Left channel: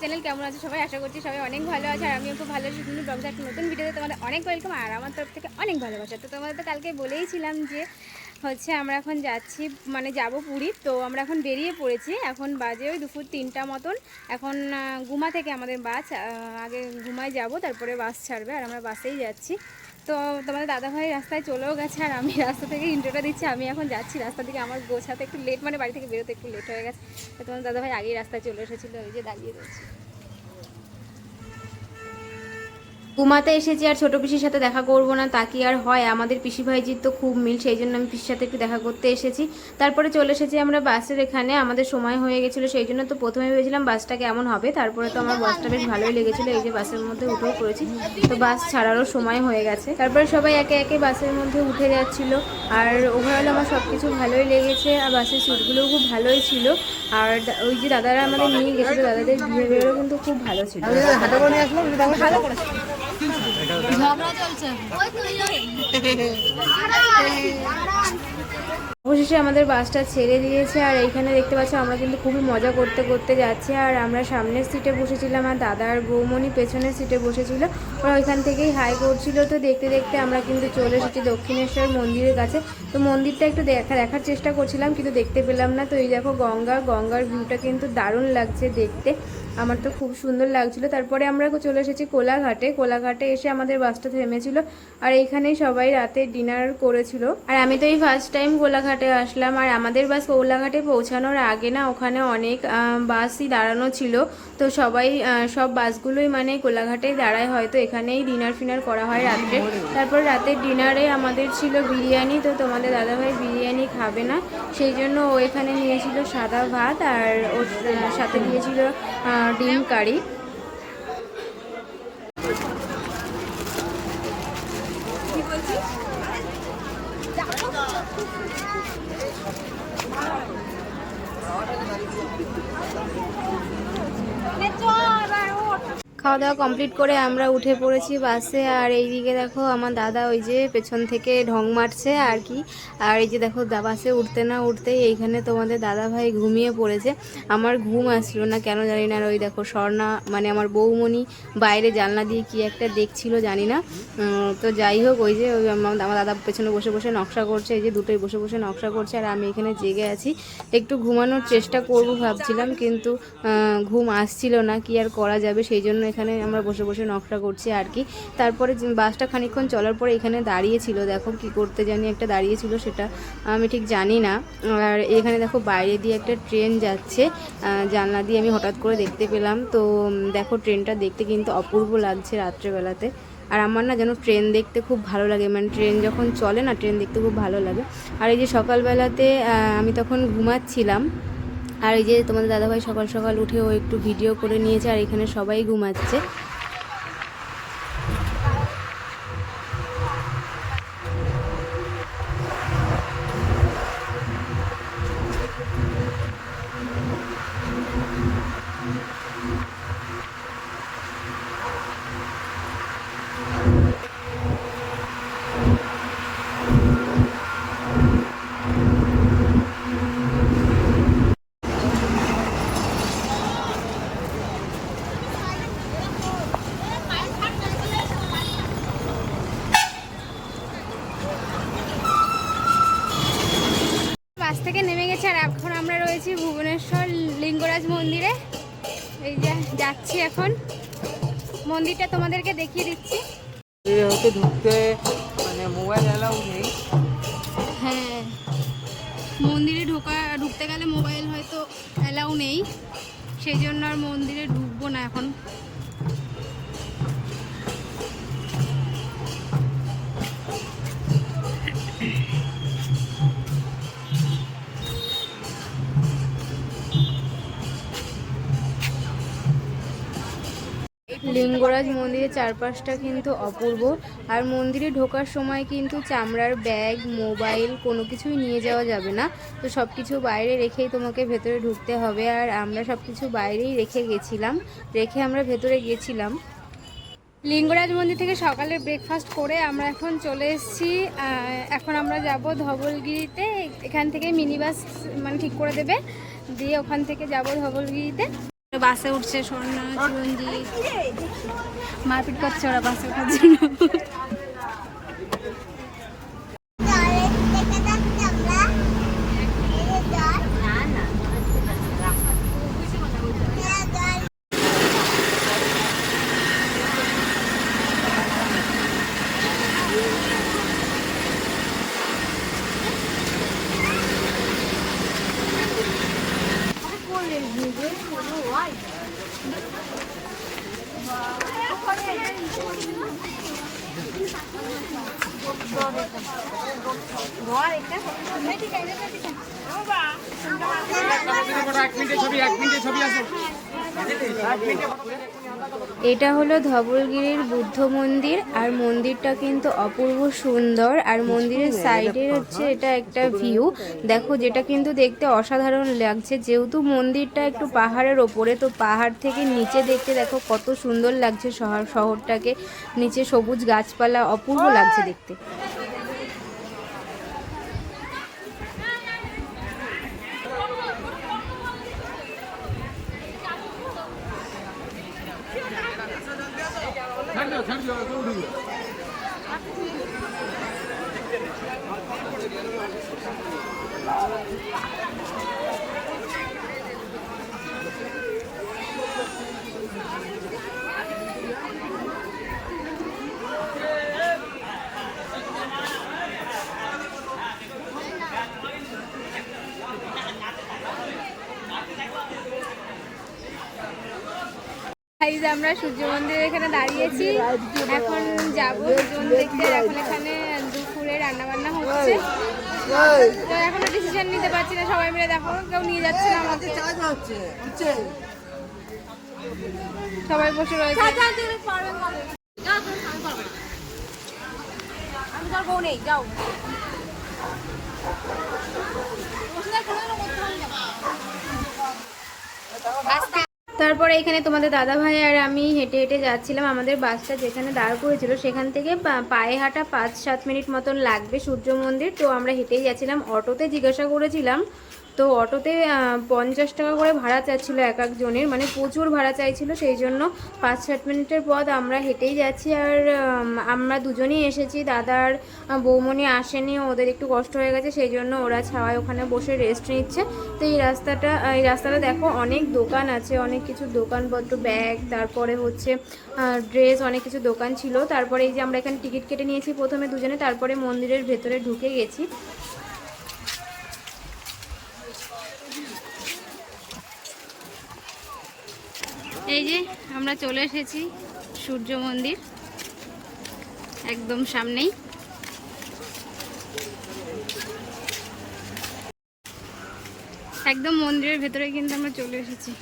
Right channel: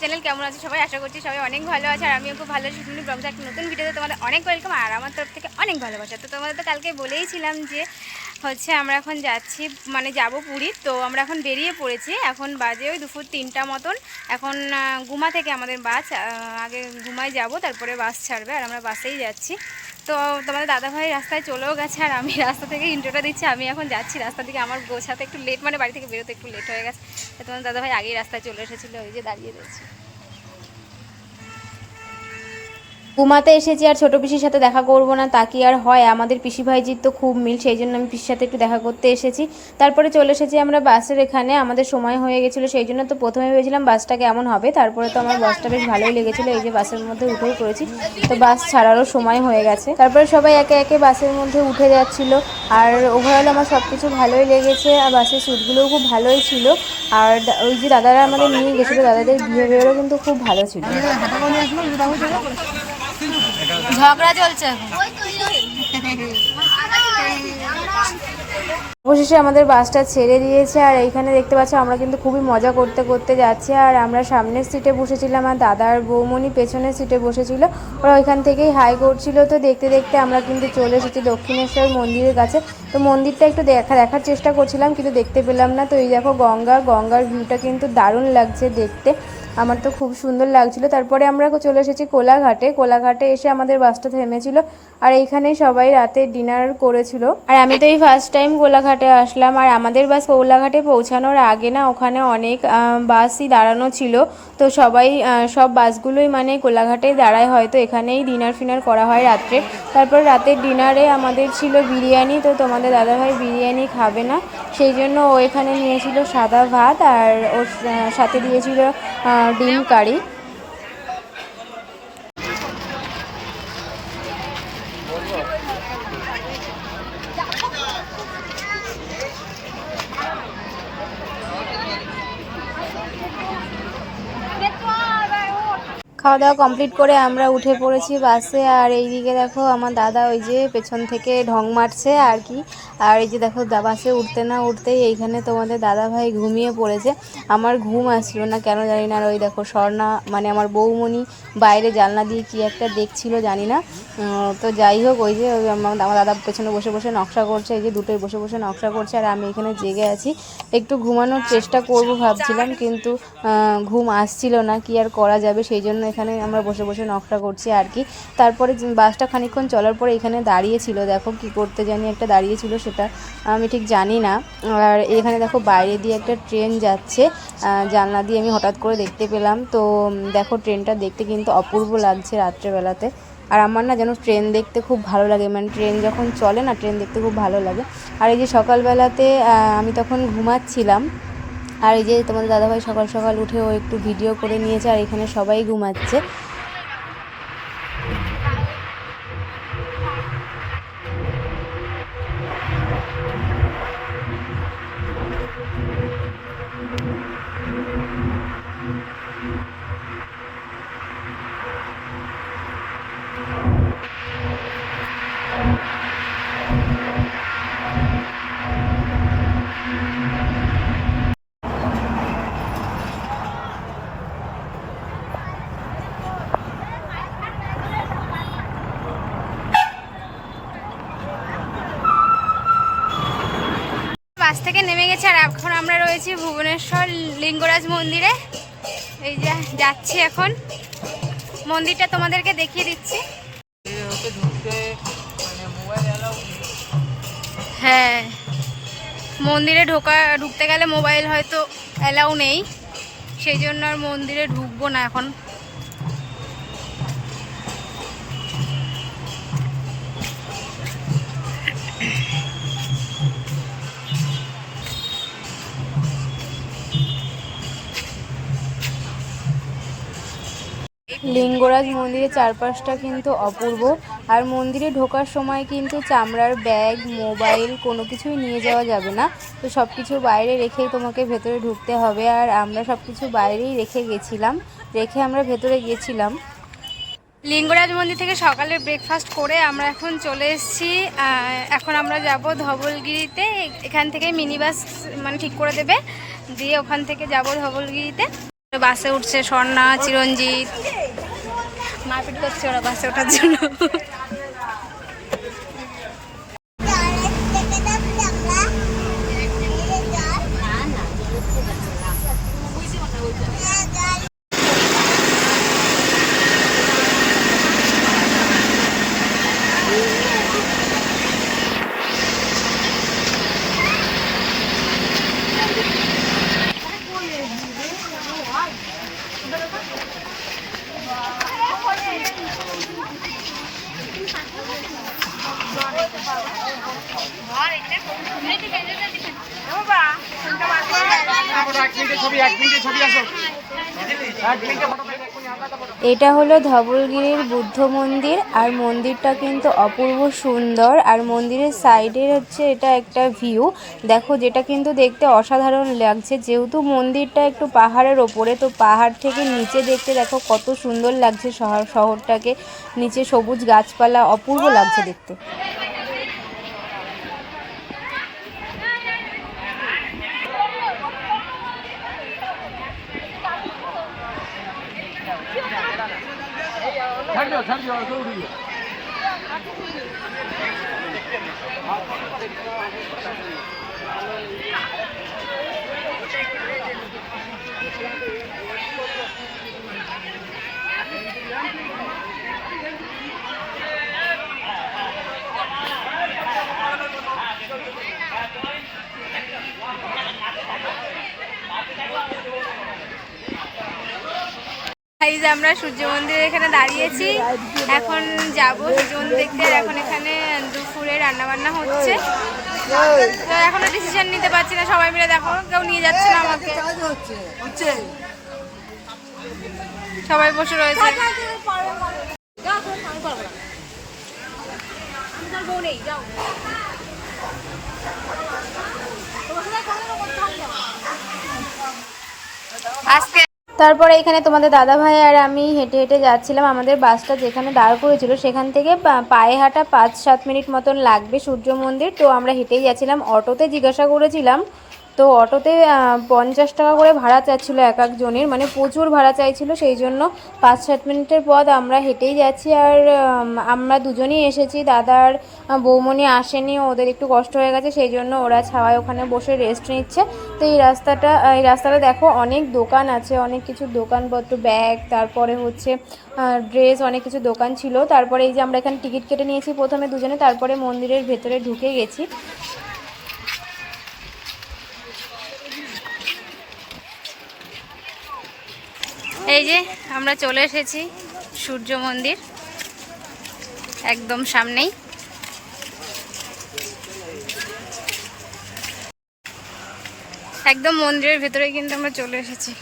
Channel কেমন আছে সবাই আশা করছি সবাই অনেক ভালো আছে, আর আমিও খুব ভালো আছি। তুমি ব্লগটা একটা নতুন ভিডিওতে তোমাদের অনেক ওয়েলকাম আর আমার তরফ থেকে অনেক ভালোবাসা। তো তোমাদের তো কালকে বলেইছিলাম যে, হচ্ছে আমরা এখন যাচ্ছি মানে যাব পুরী। তো আমরা এখন বেরিয়ে পড়েছি, এখন বাজে ওই দুপুর তিনটা মতন। এখন গুমা থেকে আমাদের বাস আগে গুমায় যাব, তারপরে বাস ছাড়বে, আর আমরা বাসেই যাচ্ছি। তো তোমাদের দাদাভাই রাস্তায় চলেও গেছে আর আমি রাস্তা থেকে ইন্ট্রোটা দিচ্ছি। আমি এখন যাচ্ছি রাস্তা থেকে আমার গোছাতে একটু লেট মানে বাড়ি থেকে বেরোতে একটু লেট হয়ে গেছে। তোমার দাদা ভাই আগেই রাস্তায় চলে এসেছিল ওই যে দাঁড়িয়ে রয়েছে। ঘুমাতে এসেছি আর ছোট পিসির সাথে দেখা করব না, তা কি আর হয়? আমাদের পিসি ভাইজির তো খুব মিল, সেই জন্য আমি পিসির সাথে একটু দেখা করতে এসেছি। তারপরে চলে এসেছি আমরা বাসের এখানে, আমাদের সময় হয়ে গেছিল, সেই জন্য তো প্রথমে ভেবেছিলাম বাসটা কেমন হবে। তারপরে তো আমার বাসটা বেশ ভালোই লেগেছিলো, এই যে বাসের মধ্যে উঠেও পড়েছি, তো বাস ছাড়ারও সময় হয়ে গেছে। তারপরে সবাই একে একে বাসের মধ্যে উঠে যাচ্ছিল, আর ওভারঅল আমার সব কিছু ভালোই লেগেছে, আর বাসের সিটগুলোও খুব ভালোই ছিল। আর ওই যে দাদারা আমাদের নিয়ে গেছিল, দাদাদের বিহেভিয়ারও কিন্তু খুব ভালো ছিল। অবশেষে আমাদের বাসটা ছেড়ে দিয়েছে, আর এইখানে দেখতে পাচ্ছ আমরা কিন্তু খুবই মজা করতে করতে যাচ্ছি, আর আমরা সামনের সিটে বসেছিলাম, আর দাদার বৌমণি পেছনের সিটে বসেছিল। ওরা ওইখান থেকেই হাই করছিল, তো দেখতে দেখতে আমরা কিন্তু চলে এসেছি দক্ষিণেশ্বর মন্দিরের কাছে। তো মন্দিরটা একটু দেখা, দেখার চেষ্টা করছিলাম, কিন্তু দেখতে পেলাম না। তো এই দেখো গঙ্গা, গঙ্গার ভিউটা কিন্তু দারুণ লাগছে দেখতে। আমার তো খুব সুন্দর লাগছিল। তারপরে আমরা চলে এসেছি কোলাঘাটে। কোলাঘাটে এসে আমাদের বাসটা থেমেছিল আর এইখানেই সবাই রাতে ডিনার করেছিল। আর আমি তো এই ফার্স্ট টাইম কোলাঘাটে আসলাম আর আমাদের বাস কোলাঘাটে পৌঁছানোর আগে না ওখানে অনেক বাসই দাঁড়ানো ছিল। তো সবাই সব বাসগুলোই মানে কোলাঘাটে দাঁড়ায়। হয়তো এখানেই ডিনার ফিনার করা হয় রাত্রে। তারপর রাতের ডিনারে আমাদের ছিল বিরিয়ানি। তো তোমাদের দাদাভাই বিরিয়ানি খাবে না। সেই জন্য ও এখানে নিয়েছিল সাদা ভাত আর ওর সাথে দিয়েছিল ডিম কারি খাওয়া দাওয়া কমপ্লিট করে আমরা উঠে পড়েছি বাসে আর এইদিকে দেখো আমার দাদা ওই যে পেছন থেকে ঢং মারছে আর কি। আর এই যে দেখো বাসে উঠতে না উঠতেই এইখানে তোমাদের দাদা ভাই ঘুমিয়ে পড়েছে। আমার ঘুম আসলো না, কেন জানি না। আর ওই দেখো স্বর্ণা মানে আমার বৌমণি বাইরে জানলা দিয়ে কি একটা দেখছিল জানি না। তো যাই হোক, ওই যে আমার দাদা পেছনে বসে বসে নকশা করছে, এই যে দুটোই বসে বসে নকশা করছে। আর আমি এখানে জেগে আছি। একটু ঘুমানোর চেষ্টা করব ভাবছিলাম, কিন্তু ঘুম আসছিল না। কি আর করা যাবে? সেই জন্য এখানে আমরা বসে বসে নকশা করছি আর কি। তারপরে বাসটা খানিকক্ষণ চলার পরে এখানে দাঁড়িয়েছিল, দেখো কি করতে জানি একটা দাঁড়িয়েছিল সেটা আমি ঠিক জানি না। আর এখানে দেখো বাইরে দিয়ে একটা ট্রেন যাচ্ছে জানলা দিয়ে আমি হঠাৎ করে দেখতে পেলাম। তো দেখো ট্রেনটা দেখতে কিন্তু অপূর্ব লাগছে রাত্রেবেলাতে। আর আমার না যেন ট্রেন দেখতে খুব ভালো লাগে মানে ট্রেন যখন চলে না, ট্রেন দেখতে খুব ভালো লাগে। আর এই যে সকালবেলাতে আমি তখন ঘুমাচ্ছিলাম আর এই যে তোমাদের দাদাভাই সকাল সকাল উঠে ও একটু ভিডিও করে নিয়েছে, আর এখানে সবাই ঘুমাচ্ছে বাস থেকে নেমে গেছে আর এখন আমরা রয়েছি ভুবনেশ্বর লিঙ্গরাজ মন্দিরে। এই যে যাচ্ছি এখন। মন্দিরটা তোমাদেরকে দেখিয়ে দিচ্ছি। হ্যাঁ মন্দিরে ঢোকা, ঢুকতে গেলে মোবাইল হয়তো অ্যালাউ নেই। সেই জন্য আর মন্দিরে ঢুকবো না এখন। লিঙ্গরাজ মন্দিরের চারপাশটা কিন্তু অপূর্ব। আর মন্দিরে ঢোকার সময় কিন্তু চামড়ার ব্যাগ, মোবাইল কোনো কিছুই নিয়ে যাওয়া যাবে না। তো সব কিছু বাইরে রেখেই তোমাকে ভেতরে ঢুকতে হবে। আর আমরা সব কিছু বাইরেই রেখে গেছিলাম, রেখে আমরা ভেতরে গেছিলাম। লিঙ্গরাজ মন্দির থেকে সকালে ব্রেকফাস্ট করে আমরা এখন চলে এসেছি। এখন আমরা যাব ধবলগিরিতে। এখান থেকে মিনি বাস মানে ঠিক করে দেবে। দিয়ে ওখান থেকে যাব ধবলগিরিতে। বাসে উঠছে স্বর্ণা চিরঞ্জিত। মারপিট করছে ওরা বাসে ওঠার জন্য। এটা হলো ধবলগিরির বুদ্ধ মন্দির, আর মন্দিরটা কিন্তু অপূর্ব সুন্দর, আর মন্দিরের সাইডে হচ্ছে এটা একটা ভিউ দেখো, যেটা কিন্তু দেখতে অসাধারণ লাগছে, যেহেতু মন্দিরটা একটু পাহাড়ের ওপরে, তো পাহাড় থেকে নিচে দেখতে দেখো কত সুন্দর লাগছে শহর, শহরটাকে। নিচে সবুজ গাছপালা, অপূর্ব লাগছে দেখতে। ছাড়িও ছাড়িও দৌড়িও। আর এই যে আমরা সূর্য মন্দিরের এখানে দাঁড়িয়েছি। এখন যাব সূর্য মন্দির দেখতে। এখন এখানে দুপুরে রান্না বান্না হচ্ছে। তো এখনও ডিসিশন নিতে পারছি না, সবাই মিলে দেখো। কেউ নিয়ে যাচ্ছে না আমাকে। সবাই বসে রয়েছে। আজকে তারপরে এখানে তোমাদের দাদা ভাই আর আমি হেঁটে হেঁটে যাচ্ছিলাম আমাদের বাসটা যেখানে দাঁড় করেছিল, সেখান থেকে পায়ে হাঁটা পাঁচ সাত মিনিট মতন লাগবে সূর্য মন্দির। তো আমরা হেঁটেই যাচ্ছিলাম। অটোতে জিজ্ঞাসা করেছিলাম তো অটোতে পঞ্চাশ টাকা করে ভাড়া চাচ্ছিল এক একজনের মানে প্রচুর ভাড়া চাইছিল, সেই জন্য পাঁচ সাত মিনিটের পথ আমরা হেঁটেই যাচ্ছি। আর আমরা দুজনেই এসেছি, দাদার বৌমনি আসেনি, ওদের একটু কষ্ট হয়ে গেছে, সেই জন্য ওরা ছাওয়ায় ওখানে বসে রেস্ট নিচ্ছে। তো এই রাস্তাটা এই রাস্তাটা দেখো, অনেক দোকান আছে, অনেক কিছু দোকানপত্র ব্যাগ তারপরে হচ্ছে ড্রেস অনেক কিছু দোকান ছিল। তারপরে এই যে আমরা এখানে টিকিট কেটে নিয়েছি প্রথমে দুজনে, তারপরে মন্দিরের ভেতরে ঢুকে গেছি। এই যে আমরা চলে এসেছি সূর্য মন্দির একদম সামনেই। একদম মন্দিরের ভেতরে কিন্তু আমরা চলে এসেছি।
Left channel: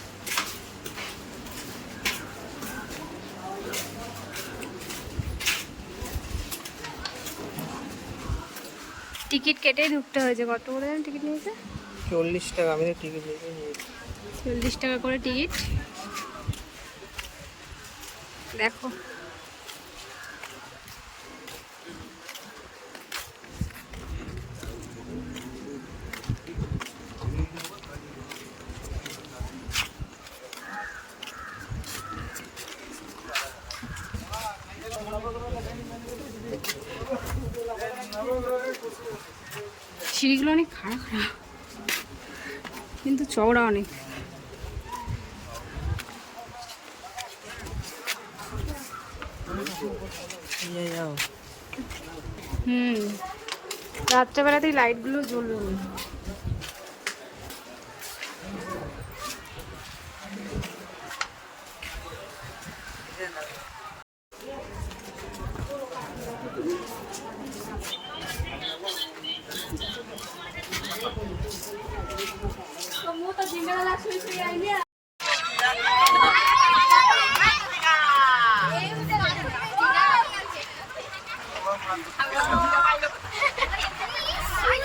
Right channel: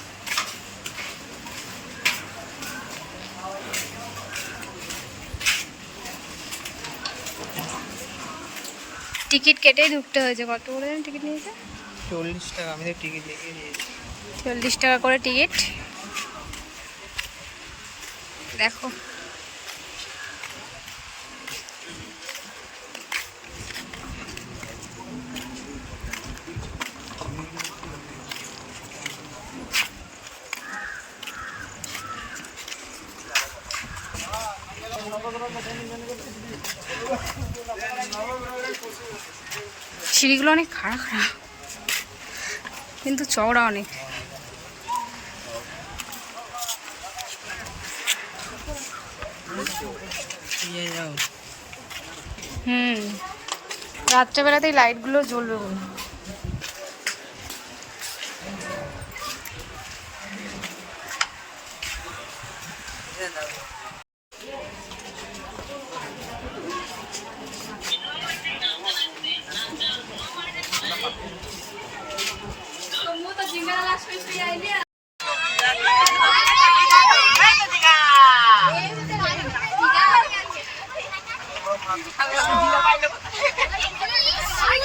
টিকিট কেটেই ঢুকতে হয়েছে। কত করে টিকিট নিয়েছে? চল্লিশ টাকা আমি তো টিকিট লিখে নিয়েছি। চল্লিশ টাকা করে টিকিট। দেখো। সিঁড়িগুলো অনেক খাড়া খাড়া কিন্তু চওড়া অনেক নিয়ে যাও হুম। রাত্রেবেলাতেই লাইটগুলো জ্বলবে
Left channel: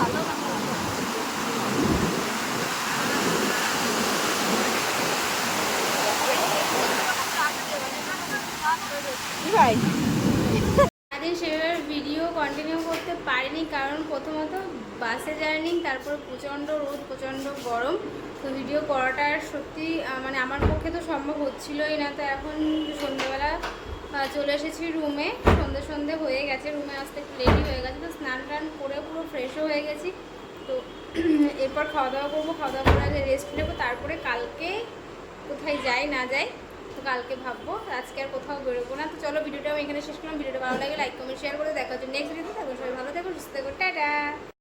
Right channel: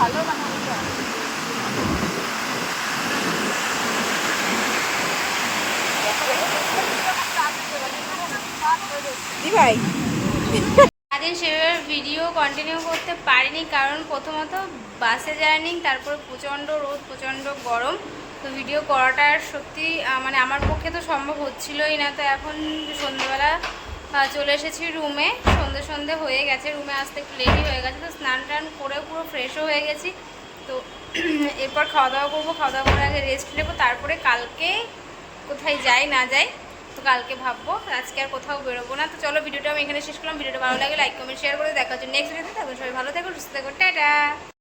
ভালো বানাচ্ছে সারাদিন সেভাবে ভিডিও কন্টিনিউ করতে পারিনি কারণ প্রথমত বাসে জার্নি তারপর প্রচণ্ড রোদ প্রচণ্ড গরম। তো ভিডিও করাটা সত্যি মানে আমার পক্ষে তো সম্ভব হচ্ছিলই না। তো এখন সন্ধ্যেবেলা চলে এসেছি রুমে। সন্ধে সন্ধে হয়ে গেছে, রুমে আসতে একটু লেটই হয়ে গেছে, তো স্নান টান করে পুরো ফ্রেশও হয়ে গেছি। তো এরপর খাওয়া দাওয়া করব খাওয়া দাওয়া করে আগে রেস্ট নেব, তারপরে কালকে কোথায় যাই, না যাই, তো কালকে ভাববো, আজকে আর কোথাও বেরোবো না। তো চলো ভিডিওটা আমি এখানে শেষ করলাম, ভিডিওটা ভালো লাগে লাইক কমেন্ট শেয়ার করে দেখা হচ্ছে নেক্সট ভিডিওতে থাকো, সবাই ভালো থাকো, সুস্থ থাকো, টাটা!